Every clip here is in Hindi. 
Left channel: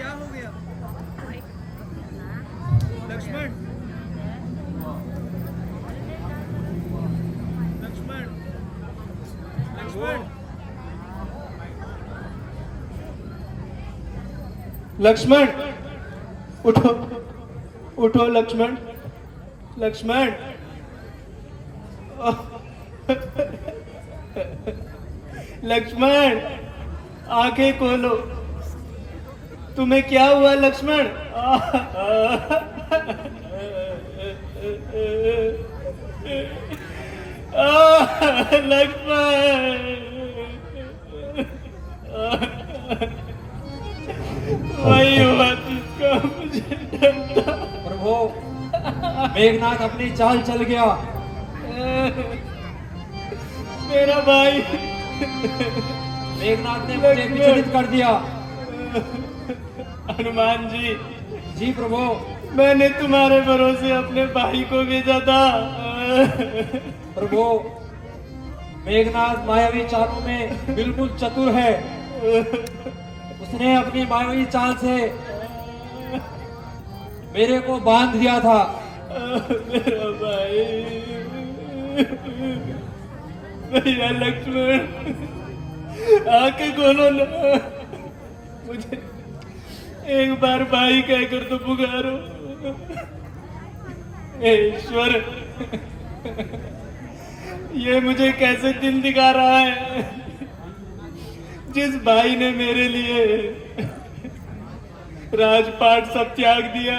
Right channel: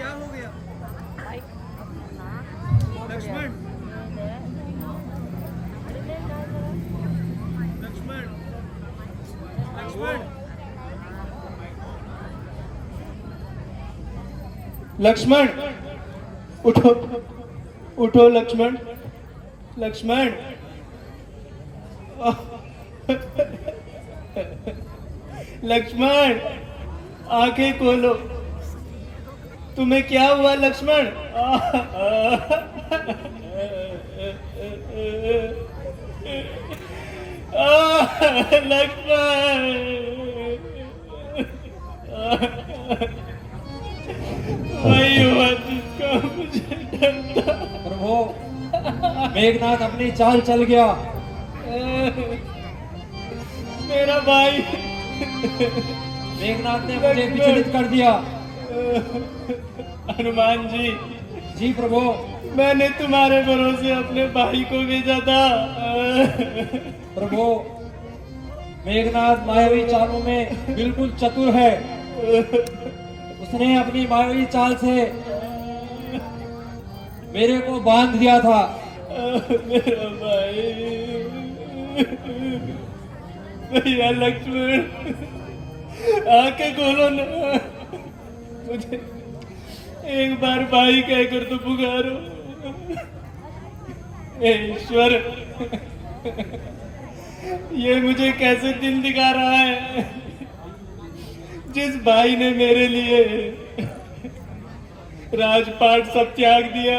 क्या हो गया? लक्ष्मण, लक्ष्मण, लक्ष्मण, लक्ष्मण, उठो, उठो लक्ष्मण, लक्ष्मण। लक्ष्मण, आंखें खोलो। तुम्हें क्या हुआ लक्ष्मण? लक्ष्मण, वही हुआ जिसका मुझे डर था। प्रभु, मेघनाथ अपनी चाल चल गया। मेरा भाई मेघनाथ ने मुझे विचलित कर दिया। हनुमान जी, जी प्रभु। मैंने तुम्हारे भरोसे अपने भाई को भेजा था। प्रभु, मेघनाथ मायावी चालों में बिल्कुल चतुर है। उसने अपनी मायावी चाल से मेरे को बांध दिया था। मेरा भाई, भैया लक्ष्मण, आंखें खोलो ना। मुझे एक बार भाई कहकर तो पुकारो। हे ईश्वर, ये मुझे कैसे दिन दिखा रहा है? जिस भाई ने मेरे लिए राजपाट सब त्याग दिया,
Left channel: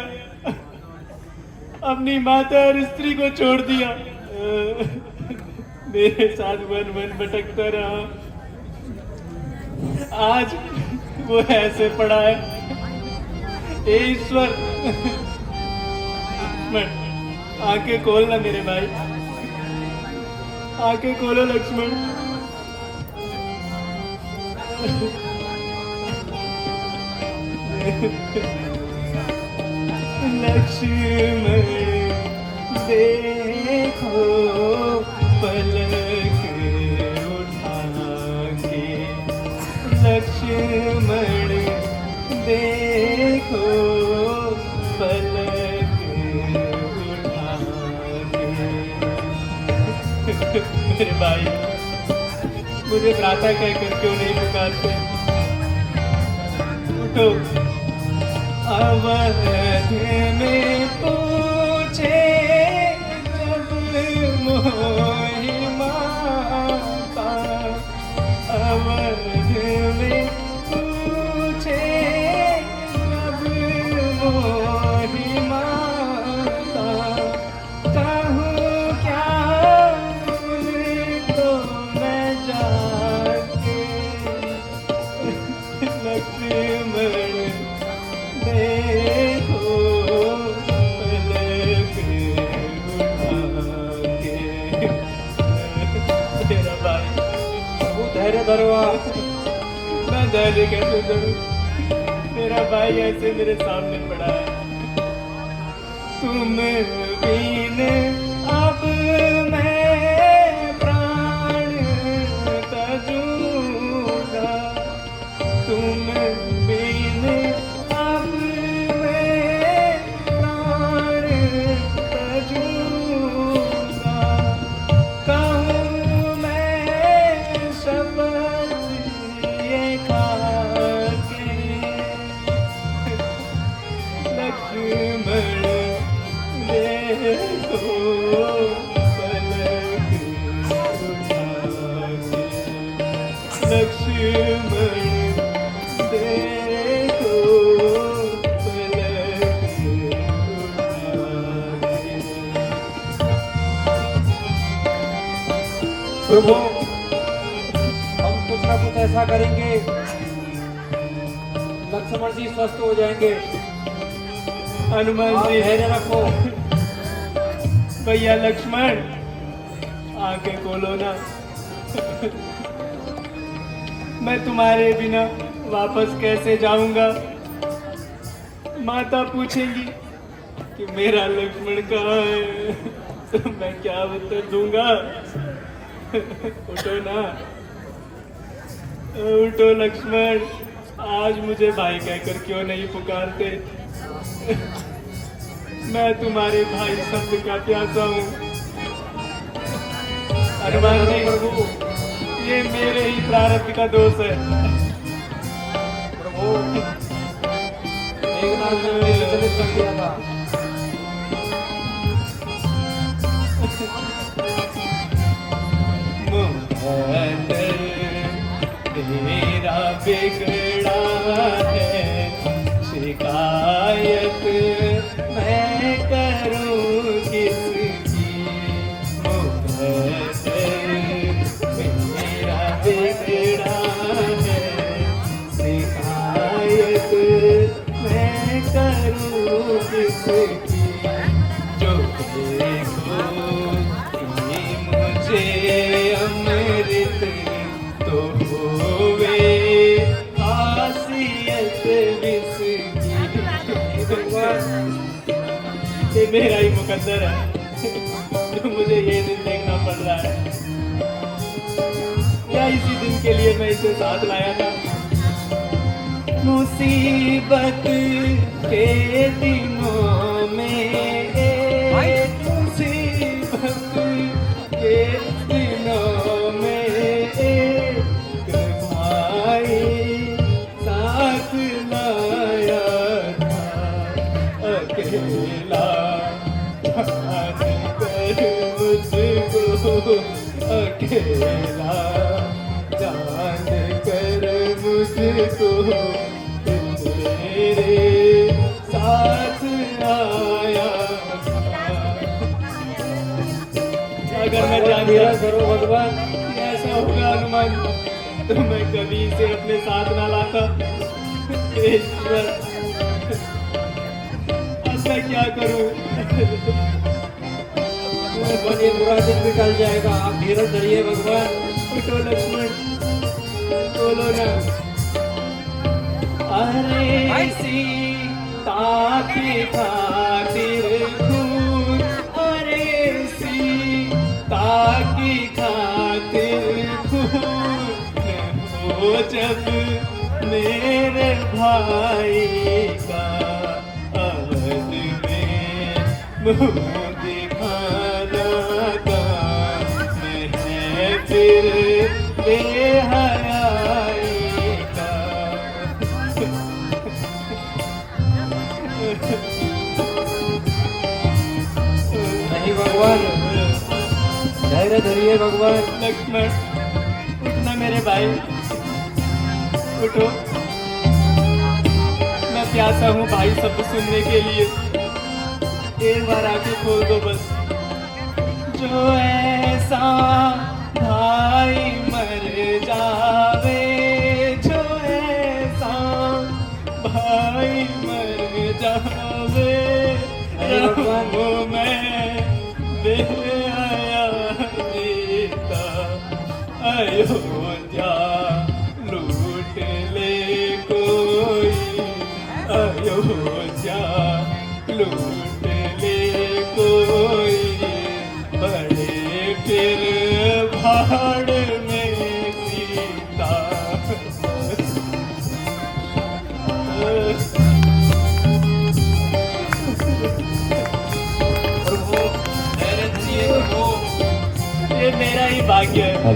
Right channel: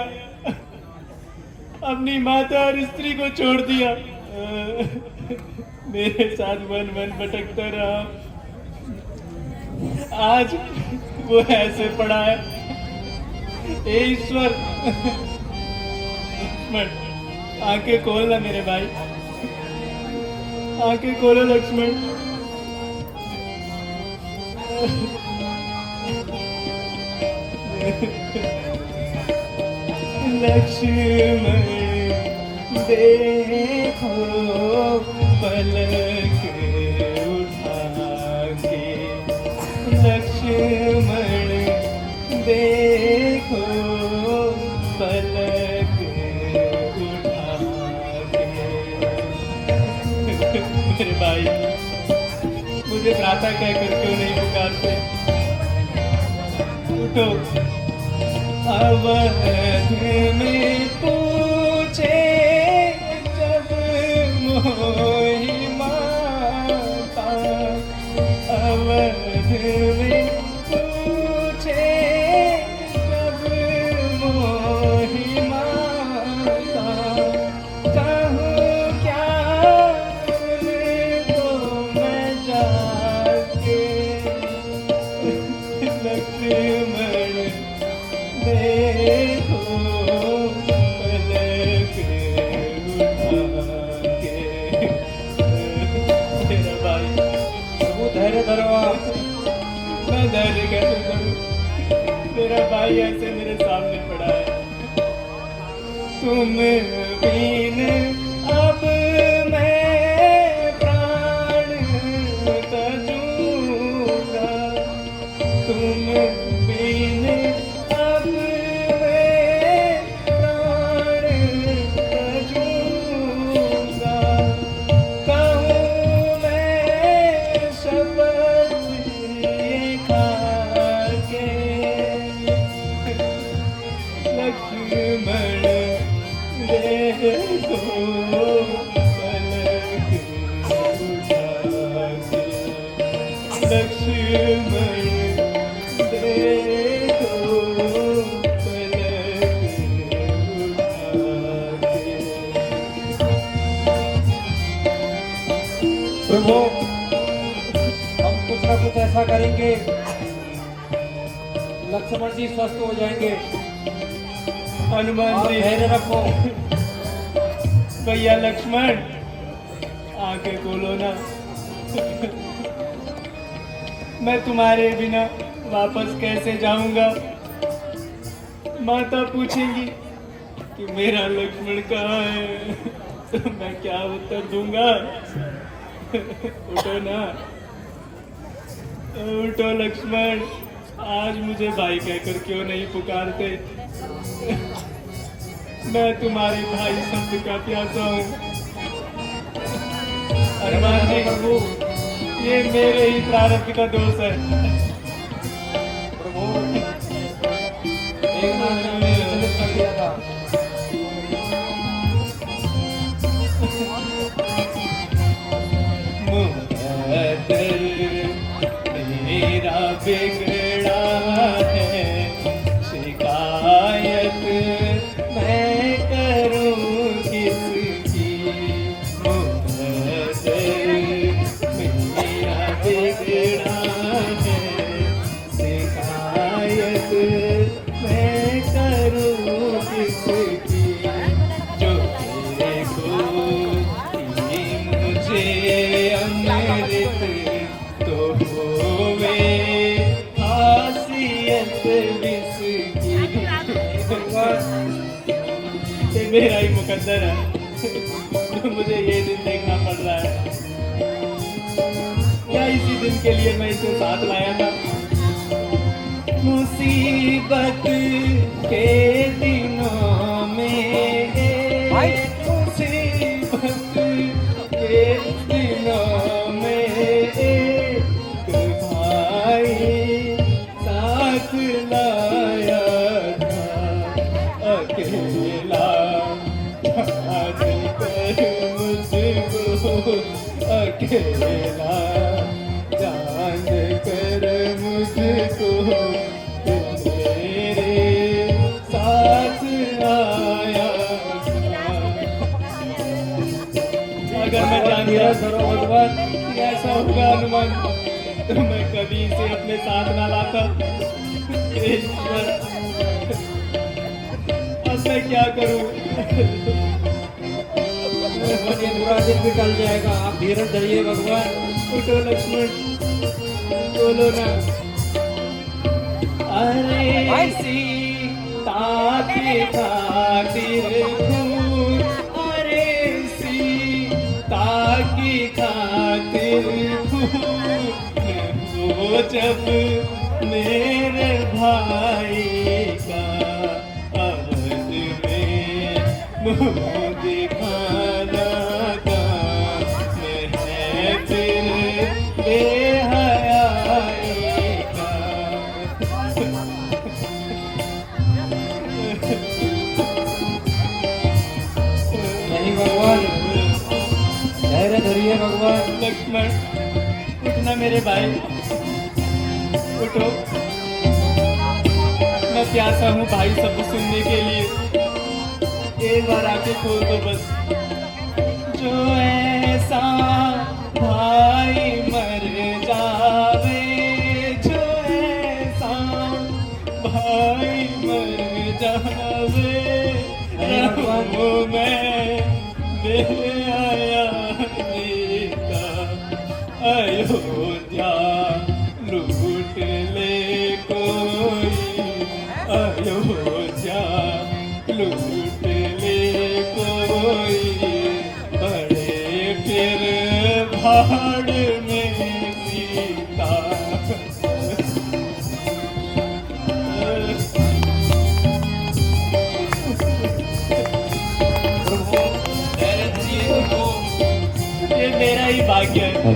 अपनी माता और स्त्री को छोड़ दिया, मेरे साथ वन वन भटकता रहा, आज वो ऐसे पड़ा है। हे ईश्वर, आंखें खोलना मेरे भाई, आंखें खोलो लक्ष्मण। लक्ष्मण देखो पलक उठा के, लक्ष्मण देखो पलक उठा के। मेरे भाई, मुझे भ्राता कहकर क्यों नहीं पुकारते? उठो। अवध में पूछे जब मोहि माता, अवध में पूछे जब मोहि माता, कहूँ क्या उनको मैं जाके। लक्ष्मण देखो पलक उठा के। तेरा भाई, प्रभु धैर्य धरो आप। मैं धैर्य कैसे धरूं? मेरा भाई ऐसे मेरे सामने पड़ा है। तुम बिन अब मैं प्राण तजूंगा, तुम बिन अब मैं प्राण तजूंगा, कहूँ मैं शपथ ये खाके। लक्ष्मण देखो पलक उठा के, लक्ष्मण देखो पलक उठा के। प्रभु, हम कुछ ना कुछ ऐसा करेंगे, लक्ष्मण जी स्वस्थ हो जाएंगे। हनुमान आप जी, धैर्य रखो। भैया लक्ष्मण, आंखें खोलो ना। मैं तुम्हारे बिना वापस कैसे जाऊंगा? माता पूछेंगी कि मेरा लक्ष्मण कहाँ है, तो मैं क्या उत्तर दूंगा? उठो ना, उठो लक्ष्मण, आज मुझे भाई कहकर क्यों नहीं पुकारते? मैं तुम्हारे भाई शब्द का प्यासा हूँ। हनुमान जी, ये मेरे ही प्रारब्ध का दोष है। प्रभु, मेघनाथ ने मुझे विचलित कर दिया था। तेरा बिगड़ा है, शिकायत मैं करूं किसकी? मेरा बिगड़ा है, शिकायत मैं करूं किसकी? जो देखो मुझे अमृत तो होवे खासियत विसकी। ये मेरा ही मुकद्दर है, तो मुझे ये दिन देखना पड़ रहा है। या इसी दिन के लिए मैं इसे साथ लाया था। मुसीबत के दिनों में मुसीबत के दिनों में एक भाई साथ लाया था। अकेला जान कर मुझको, अकेला जान कर मुझको तेरे साथ आया था। अगर मैं जानता करो भगवान, कि ऐसा होगा हनुमान, तो मैं कभी इसे अपने साथ ना लाता। ईश्वर, अब मैं क्या करूं? ये बुरा दिन भी टल जाएगा। आप धीरज धरिए भगवान। उठो लक्ष्मण, बोलो ना। अरे सीता की खातिर खून, अरे सीता की खातिर खून हो जब मेरे भाई का अवध में मुँह दिखाना काम है फिर बेहयाई का। नहीं भगवान, धैर्य धरिए भगवान। लक्ष्मण, उठना मेरे भाई, उठो। मैं प्यासा हूँ भाई शब्द सुनने के लिए। एक बार आके खोल दो बस। जो ऐसा भाई मर जावे, जो ऐसा भाई मर जावे, रहूं मैं बेहया का। अयोध्या लूट ले कोई, अयोध्या लूट ले कोई, बड़े फिर भाड़ में सीता। ये मेरा ही भाग्य है,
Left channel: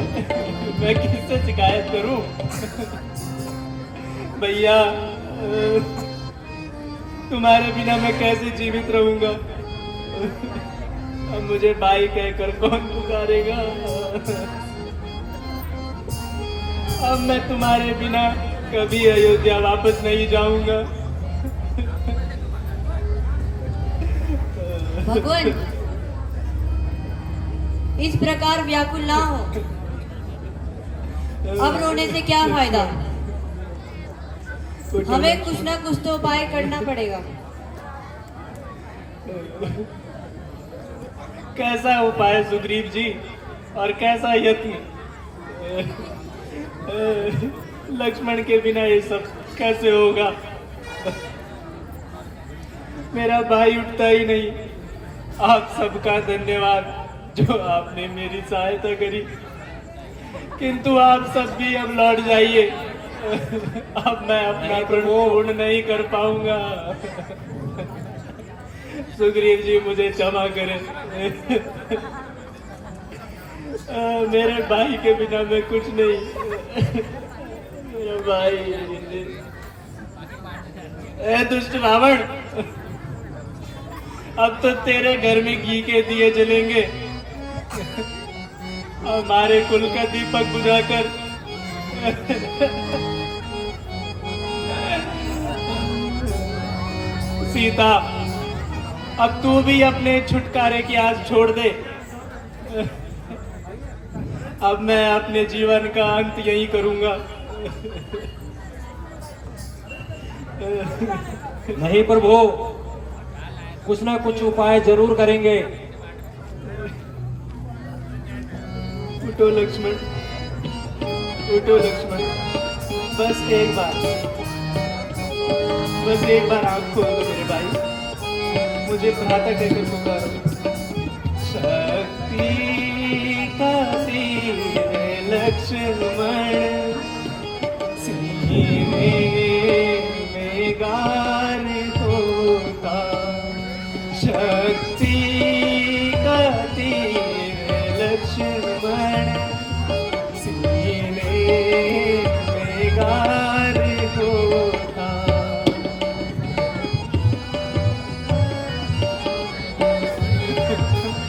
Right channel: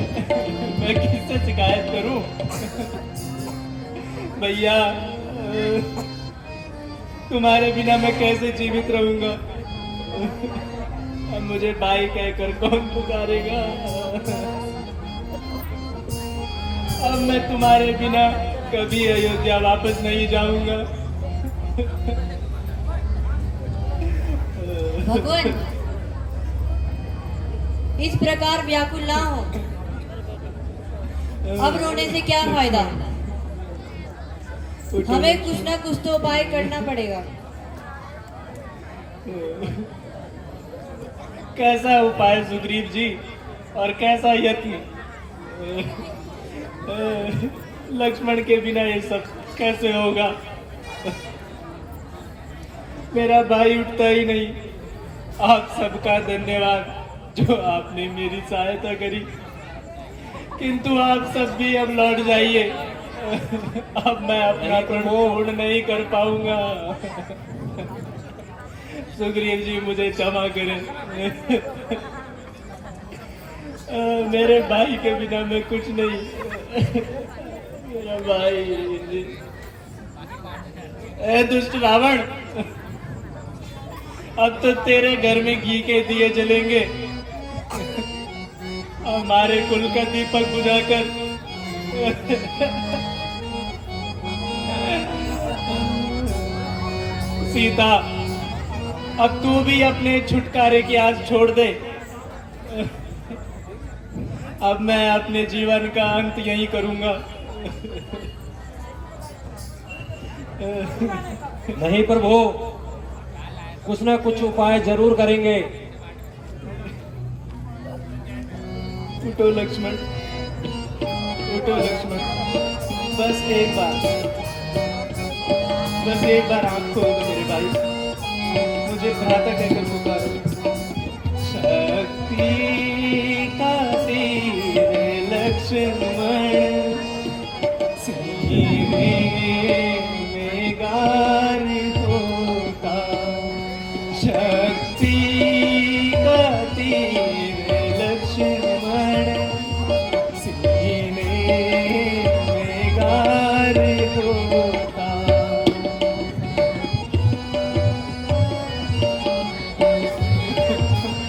मैं किससे शिकायत करूं? भैया, तुम्हारे बिना मैं कैसे जीवित रहूंगा? अब मुझे भाई कहकर कौन पुकारेगा? अब मैं तुम्हारे बिना कभी अयोध्या वापस नहीं जाऊंगा। भगवान, इस प्रकार व्याकुल ना हो। अब रोने से क्या फायदा? हमें कुछ ना कुछ तो उपाय करना पड़ेगा। कैसा उपाय सुग्रीव जी, और कैसा यत्न? लक्ष्मण के बिना ये सब कैसे होगा? मेरा भाई उठता ही नहीं। आप सबका धन्यवाद जो आपने मेरी सहायता करी, किंतु आप सब भी अब लौट जाइए। अब मैं अपना प्रण पूर्ण नहीं कर पाऊंगा। सुग्रीव जी मुझे क्षमा करें। मेरे भाई के बिना मैं कुछ नहीं। मेरा भाई। ए दुष्ट रावण, अब तो तेरे घर में घी के दिए जलेंगे। हमारे कुल का दीपक बुझाकर सीता, अब तू भी अपने छुटकारे की आस छोड़ दे। अब मैं अपने जीवन का अंत यही करूंगा। नहीं प्रभु, कुछ ना कुछ उपाय जरूर करेंगे। उठो लक्ष्मण, उठो लक्ष्मण, बस एक बार आंख खोल दो मेरे भाई। मुझे भ्राता कहकर पुकारो। शक्ति का तीर लक्ष्मण, सीने में गान होता। शक्ति का तीर लक्ष्मण, सीने में गान होता।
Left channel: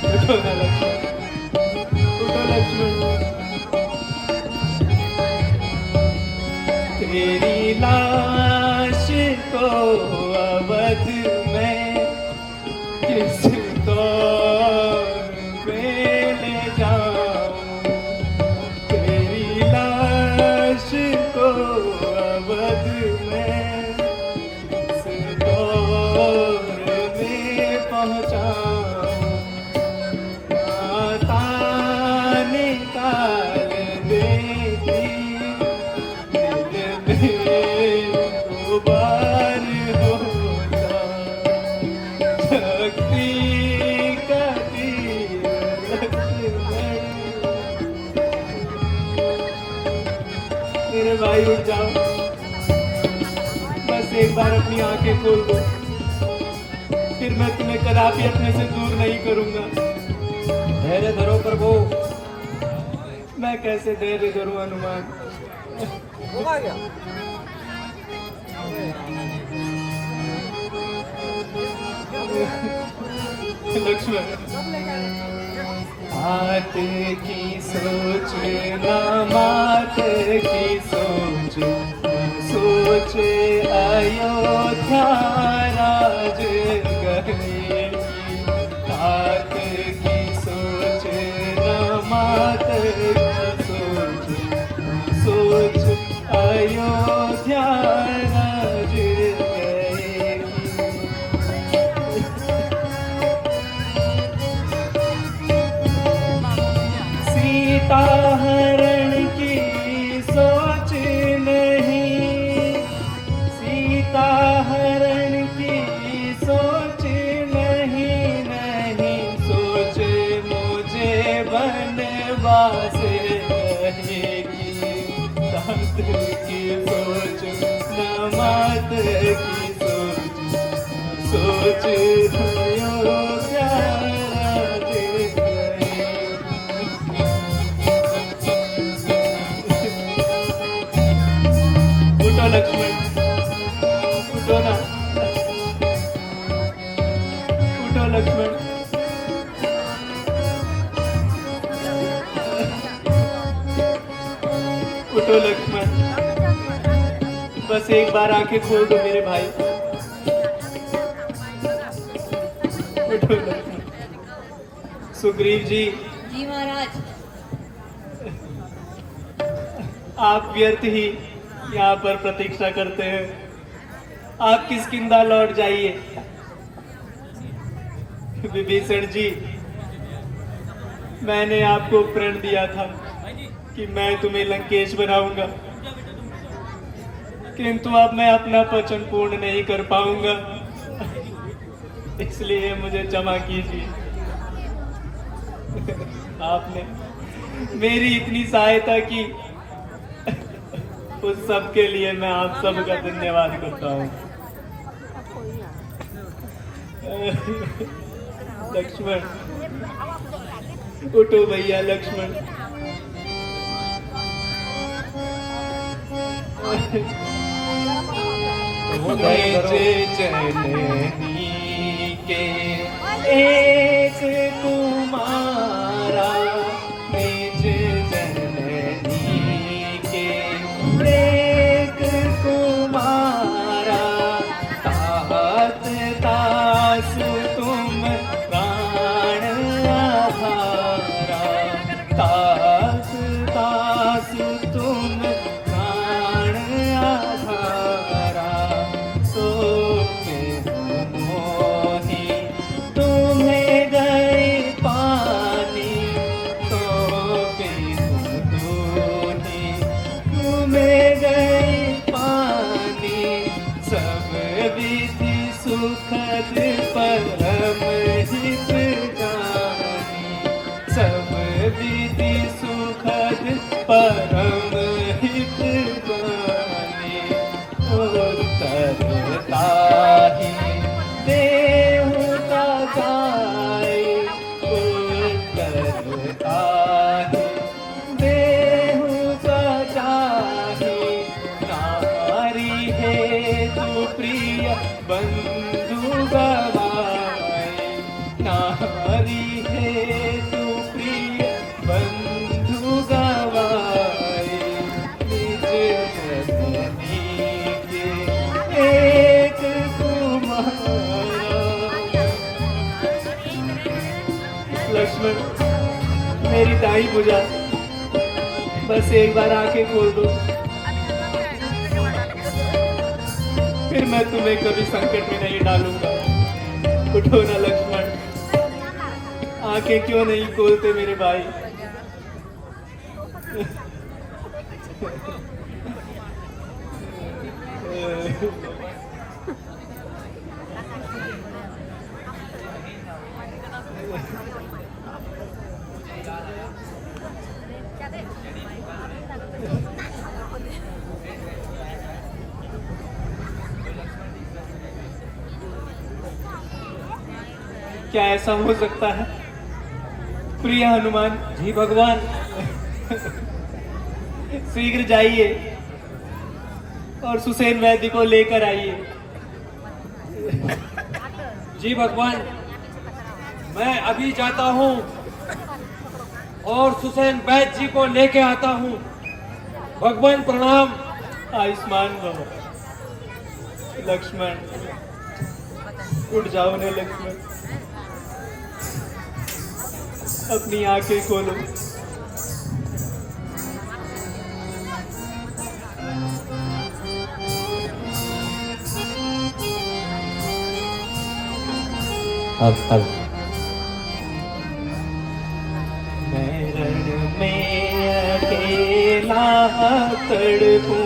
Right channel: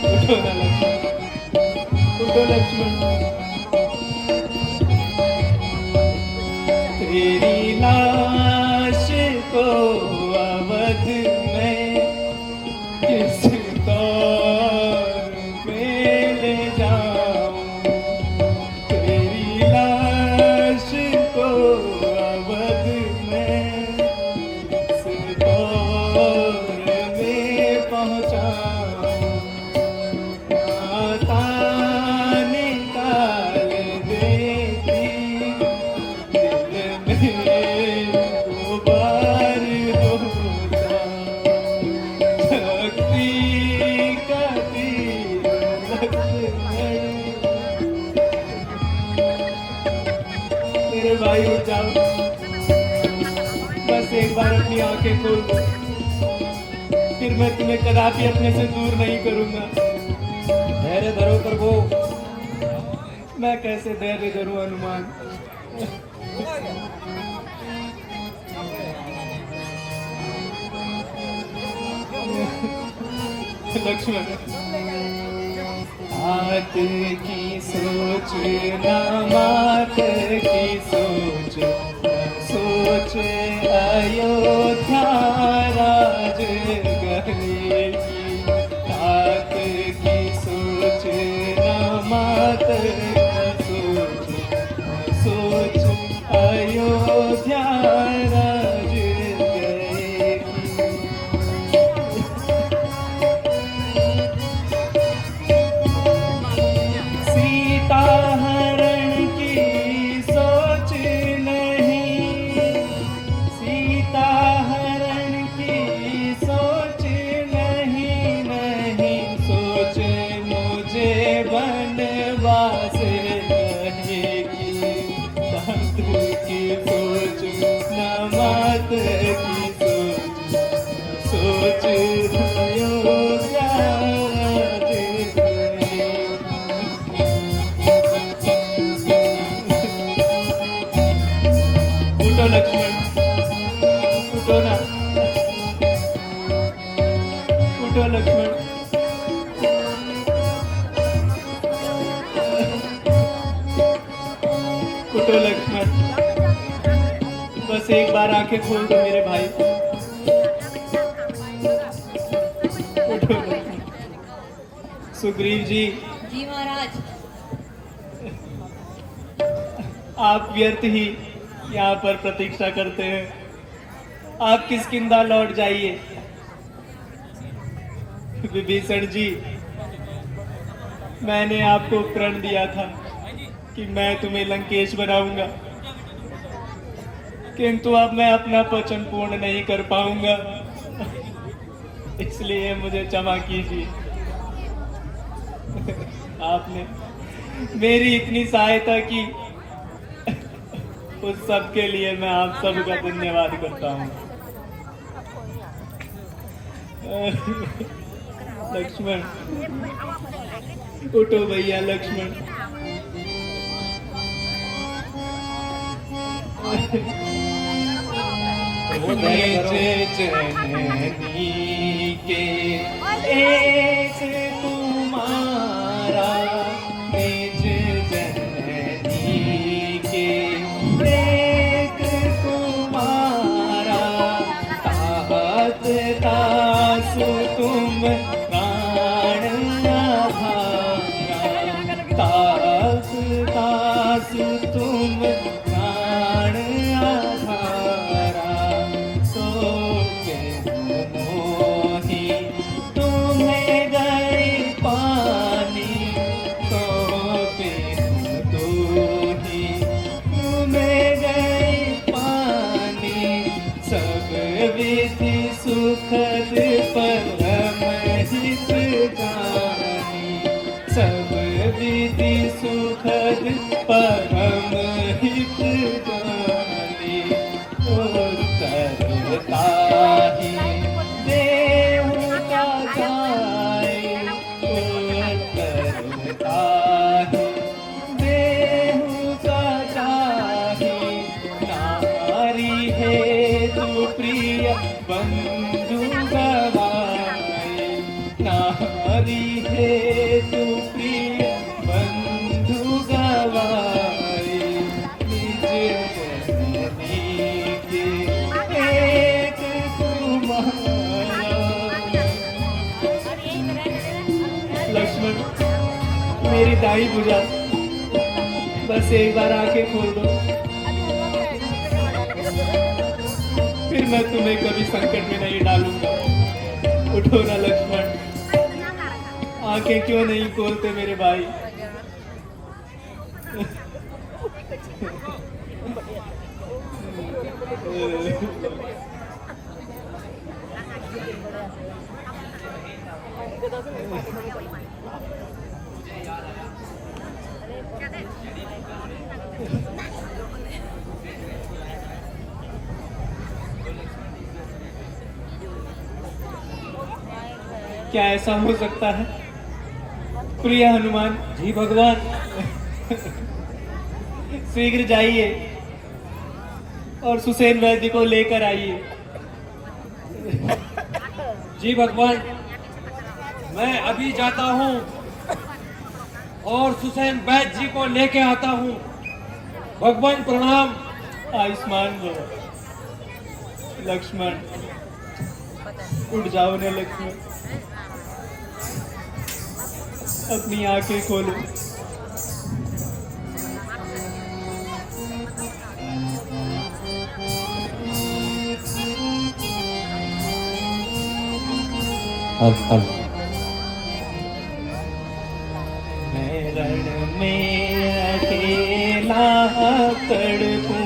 उठो ना लक्ष्मण, उठो लक्ष्मण। तेरी लाश को अवध में किस दौर में ले जाऊं। तेरी लाश को अवध में किस दौर में पहुंचाऊं। माता निकाल देगी बार होता। शक्ति का तीर मेरे भाई, उठ जाओ। बस एक बार अपनी आंखें खोल दो, फिर मैं तुम्हें कदापि अपने से दूर नहीं करूंगा। धैर्य धरो प्रभु। मैं कैसे धैर्य धरूं हनुमान। लक्ष्मण, हाथ की सोच न मात की सोच, सोच अयोध्या राज गए। हाथ की सोच न मात की सोच, सोच अयोध्या राज गए। सीता हरण की सोच नहीं, सीता हरण की सोच नहीं, नहीं सोच मुझे वनवास रहेगी। सात की सोच न मात की सोच, सोच अयोध्या राज गए। उठो लक्ष्मण, उठो ना, उठो लक्ष्मण। उठो लक्ष्मण, बस एक बार आंखें खोल दो मेरे भाई। उठो लक्ष्मण। सुग्रीव जी, जी महाराज। आप व्यर्थ ही यहाँ पर प्रतीक्षा करते हैं। आप किष्किंधा लौट जाइए। विभीषण जी, मैंने आपको प्रण दिया था कि मैं तुम्हें लंकेश बनाऊंगा, किंतु अब मैं अपना वचन पूर्ण नहीं कर पाऊंगा, इसलिए मुझे क्षमा कीजिए। आपने मेरी इतनी सहायता की, उस सब के लिए मैं आप सबका धन्यवाद करता हूँ। लक्ष्मण उठो भैया लक्ष्मण। निज जननी के एक तुम्हारा, निज जननी के एक तुम्हारा, तात तास तुम प्राण आधारा, तात तास तुम प्राण आधारा, तो मोही तुम्हें गए पानी, तो तुम्हें गए पानी, सब विधि सुखद परम हित गानी, सब विधि सुखद परम हित गानी, उत्तरता ही देवता गाए, उत्तरता ही देवता जाहि, नारी है तू प्रिय बंधु गवाए, नारी है तू प्रिय बंधु गवाए, निज जननी के एक तुम्हारा। लक्ष्मण मेरी दाई पूजा, बस एक बार आके खोल दो, फिर मैं तुम्हें कभी संकट में नहीं डालूंगा। उठो ना लक्ष्मण, आंखें क्यों नहीं खोलते मेरे भाई? क्या ऐसा हो सकता है प्रिय हनुमान? जी भगवान। शीघ्र जाइए और सुसेन वैद्य को लेकर आइए। जी भगवान, मैं अभी जाता हूँ और सुसेन वैद्य जी को लेके आता हूँ। भगवान प्रणाम। आयुष्मान भव। लक्ष्मण उठ जाओ ने लक्ष्मण, अपनी आंखें खोलो। अब मैं रण में अकेला तड़पूं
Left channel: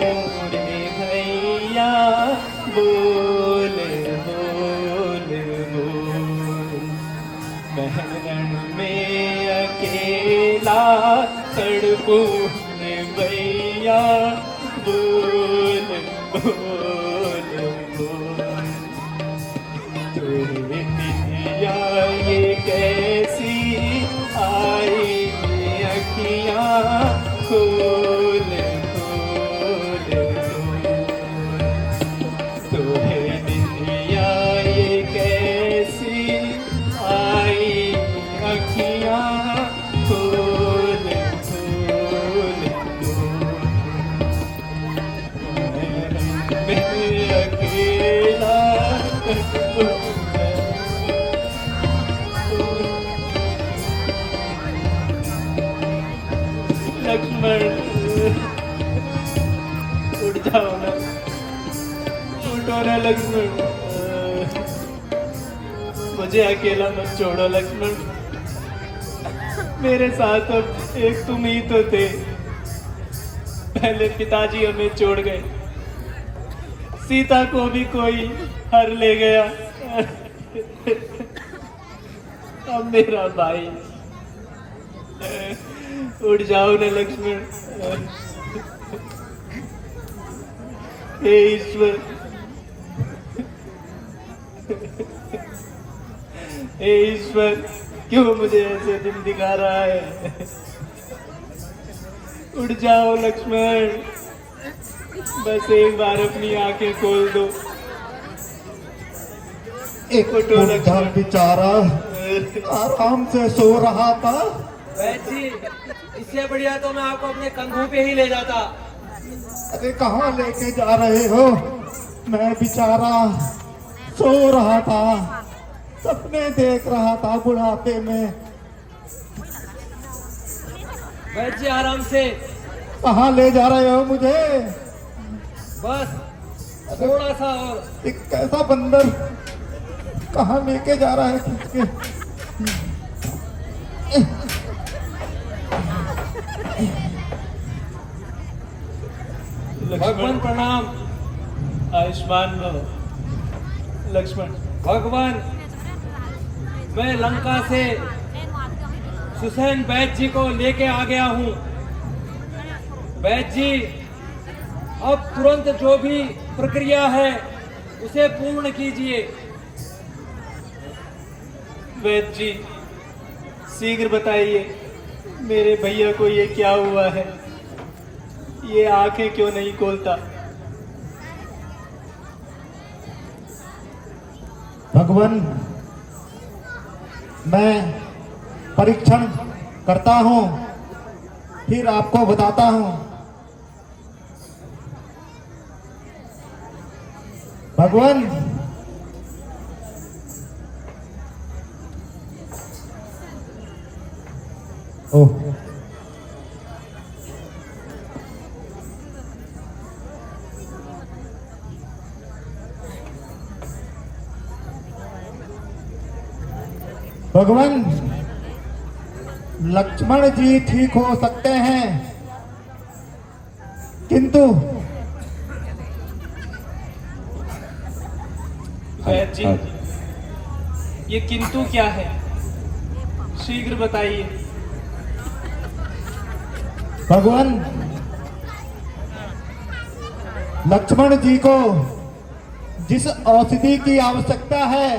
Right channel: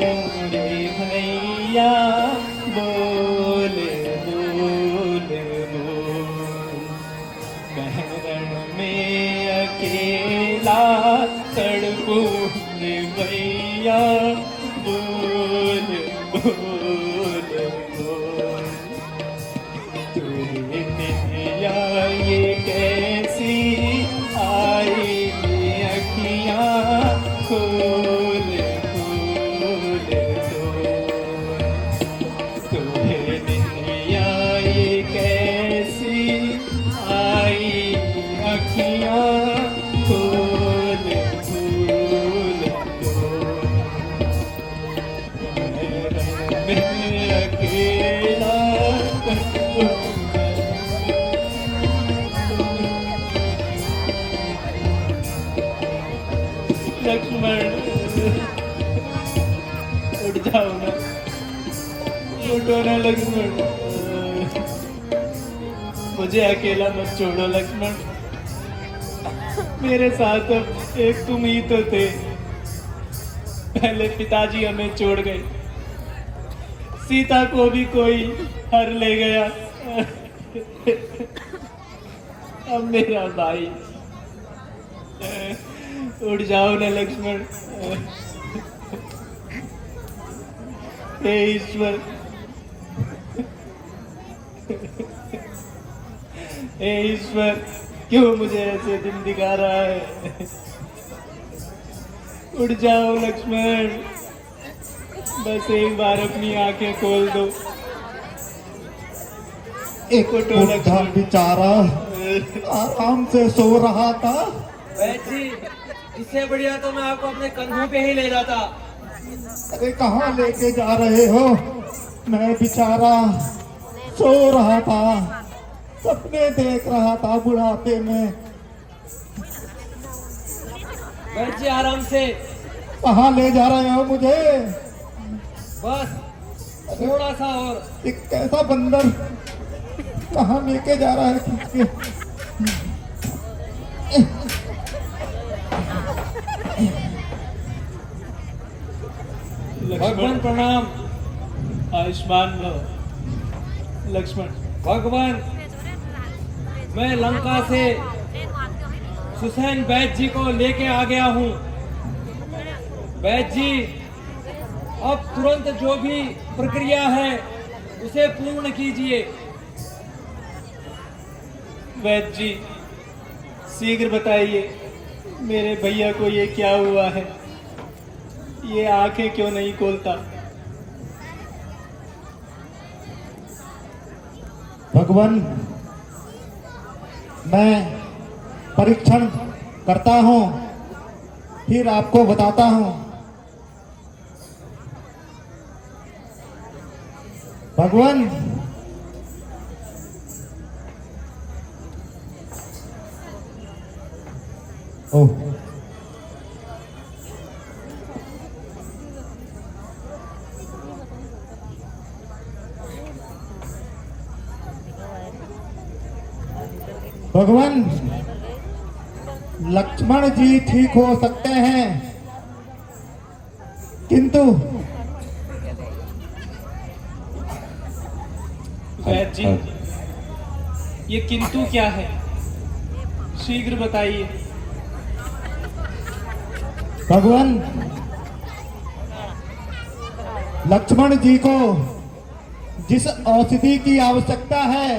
रे भैया, बोल बोल बोल। मैं रण में अकेला तड़पूं रे भैया, बोल बोल बोल। तुझे नैया ये कैसी आई अखियाँ, खोल खोल खोल। तुझे नैया ये कैसी आई अखियाँ, खोल खोल खोल। मैं अकेला लक्ष्मण उठ जाओ ना, उठो ना लक्ष्मण, मुझे अकेला मत छोड़ो लक्ष्मण। मेरे साथ अब एक तुम ही तो थे। पहले पिताजी हमें छोड़ गए, सीता को भी कोई हर ले गया, अब मेरा भाई। उठ जाओ ना लक्ष्मण। हे ईश्वर, हे ईश्वर, क्यों मुझे ऐसे दिन दिखा रहा है? उठ जाओ लक्ष्मण, बस एक बार अपनी आंखें खोल दो। एक उठो बुढ़ा लक्ष्मण। बेचारा आराम से सो रहा था। वैद जी, इससे बढ़िया तो मैं आपको अपने कंधों पे ही ले जाता। अरे कहाँ लेके जा रहे हो? मैं बेचारा सो रहा था, सपने देख रहा था बुढ़ापे में। वैद जी आराम से, कहाँ ले जा रहे हो मुझे? बस थोड़ा सा और। एक कैसा बंदर कहाँ लेके जा रहा है खींच के? भगवान प्रणाम। आयुष्मान भव लक्ष्मण। भगवान, मैं लंका से सुसैन वैद जी को लेके आ गया हूँ। वैद जी, अब तुरंत जो भी प्रक्रिया है उसे पूर्ण कीजिए। वैद्य जी, शीघ्र बताइए, मेरे भैया को ये क्या हुआ है? ये आंखें क्यों नहीं खोलता? भगवान, मैं परीक्षण करता हूँ, फिर आपको बताता हूँ। भगवान, ओह, भगवान, लक्ष्मण जी ठीक हो सकते हैं, किंतु वैद्य जी, ये किंतु क्या है? शीघ्र बताइए। भगवान, लक्ष्मण जी को जिस औषधि की आवश्यकता है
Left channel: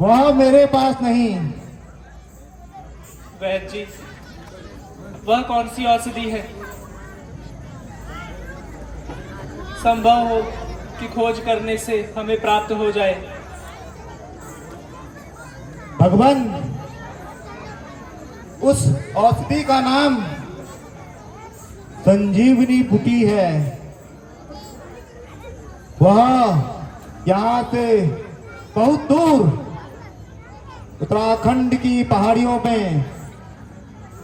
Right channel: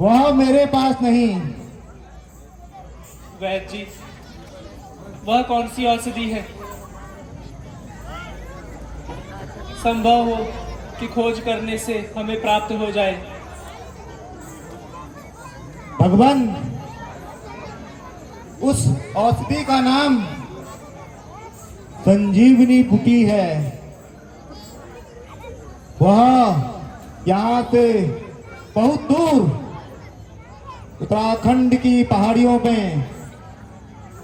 वह मेरे पास नहीं। वैद्य जी, वह कौन सी औषधि है? संभव हो कि खोज करने से हमें प्राप्त हो जाए। भगवान, उस औषधि का नाम संजीवनी बूटी है। वह यहाँ से बहुत दूर उत्तराखंड की पहाड़ियों में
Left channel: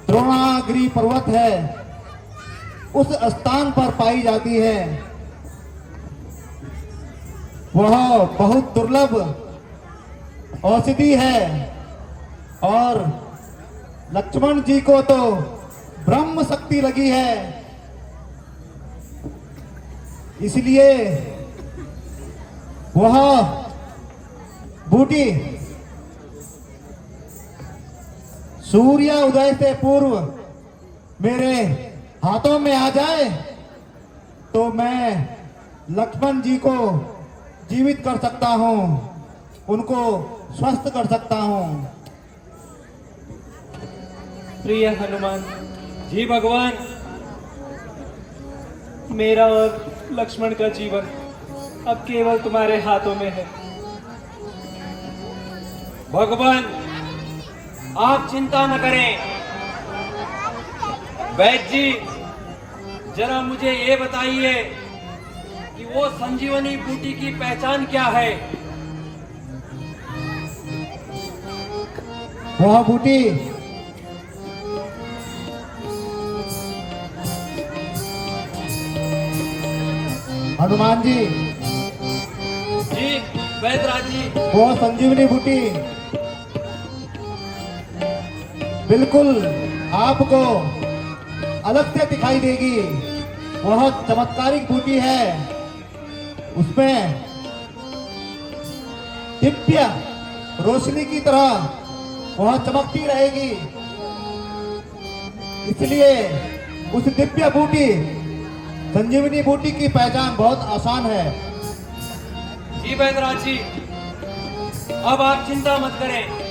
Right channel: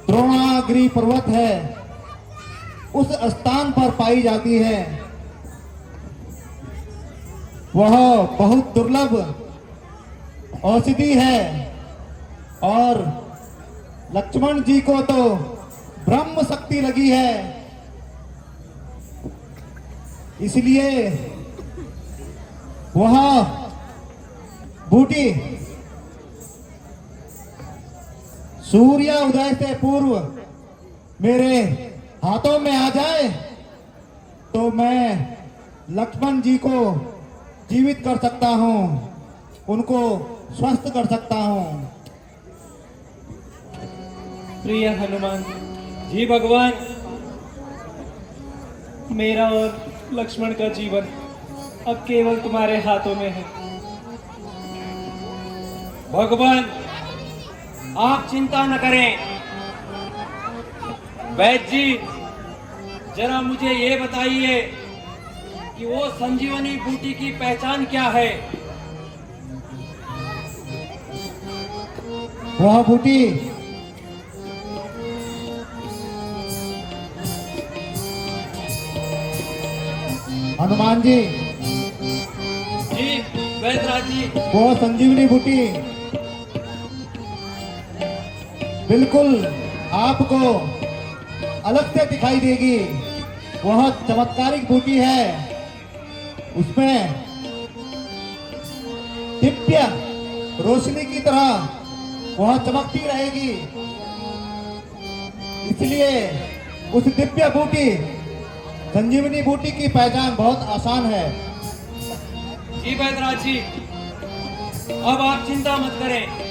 द्रोणागिरी पर्वत है, उस स्थान पर पाई जाती है। वह बहुत दुर्लभ औषधि है और लक्ष्मण जी को तो ब्रह्म शक्ति लगी है, इसलिए वह बूटी सूर्य उदय से पूर्व मेरे हाथों में आ जाए तो मैं लक्ष्मण जी को जीवित कर सकता हूं, उनको स्वस्थ कर सकता हूं। प्रिय हनुमान, जी भगवान, मेरा और लक्ष्मण का जीवन अब केवल तुम्हारे हाथों में है। भगवान, आप चिंता न करें। वैद्य जी, जरा मुझे ये बताइए कि वो संजीवनी बूटी की पहचान क्या है? वह बूटी हनुमान जी, जी वैद्यराज जी, वो संजीवनी बूटी बिल्कुल आपको अलग से दिखाई देगी। वह चमत्कारिक बूटी है, उसमें दिव्य रोशनी की तरह वह चमकती रहेगी। इसलिए उस दिव्य बूटी संजीवनी बूटी की पहचान बहुत आसान है। जी बैदराज जी, अब आप चिंता मत करें।